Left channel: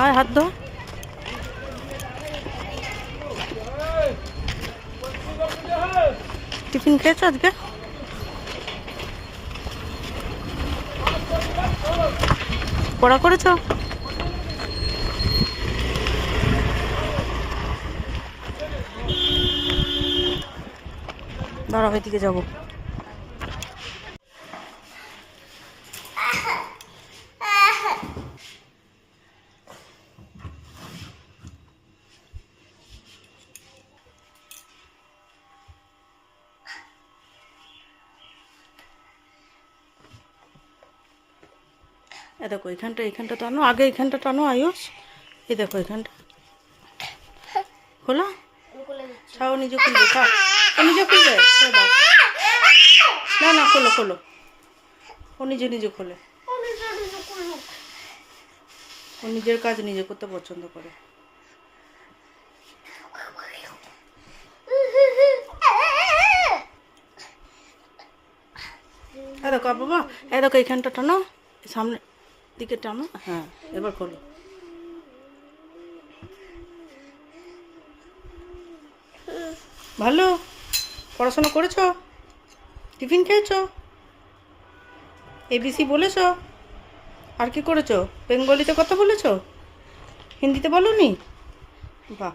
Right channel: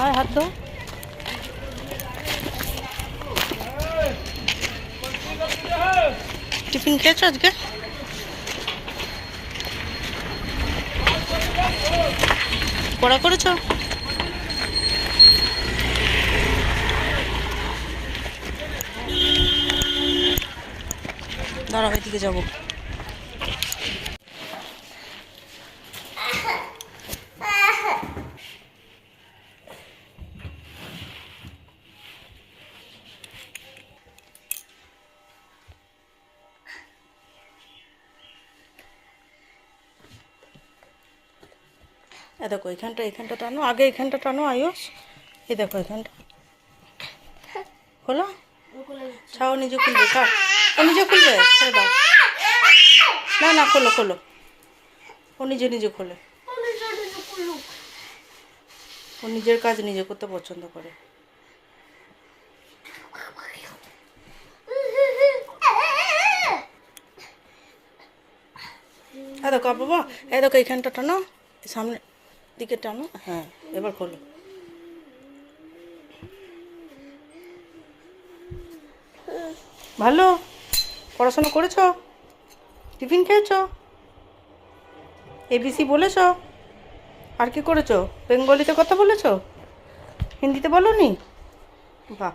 আর হাত ধো। টিফিন খেয়েছো আজকে? পড়া করেছো? দাঁড়াও, এদিকে যাবো। দেখো এইখানটা টানো, আগে এইখানটা টানো আয়ুষ। এই দেখো এইখানটা খোলো। ছাও, নিজে খুলবে, ছাও। ও নিজে খুলবে, ছেড়ে দাও। না না, খোলো খোলো। ও নিজে নিজে খোলে। ও নিজের কাজ নিজে করতে পছন্দ করে। দেখো বাবা, দেখো এইখানটা টানো, সামনে দিকে টানো। হ্যাঁ, এবার খোলো। ভালো পড়াশোনা করেছো? টিফিন খেয়েছো? এবিসি বলেছো? আর কি করেছো? বেঙ্গলিতে কথা বলেছো? হিন্দিতে বলোনি? বাহ।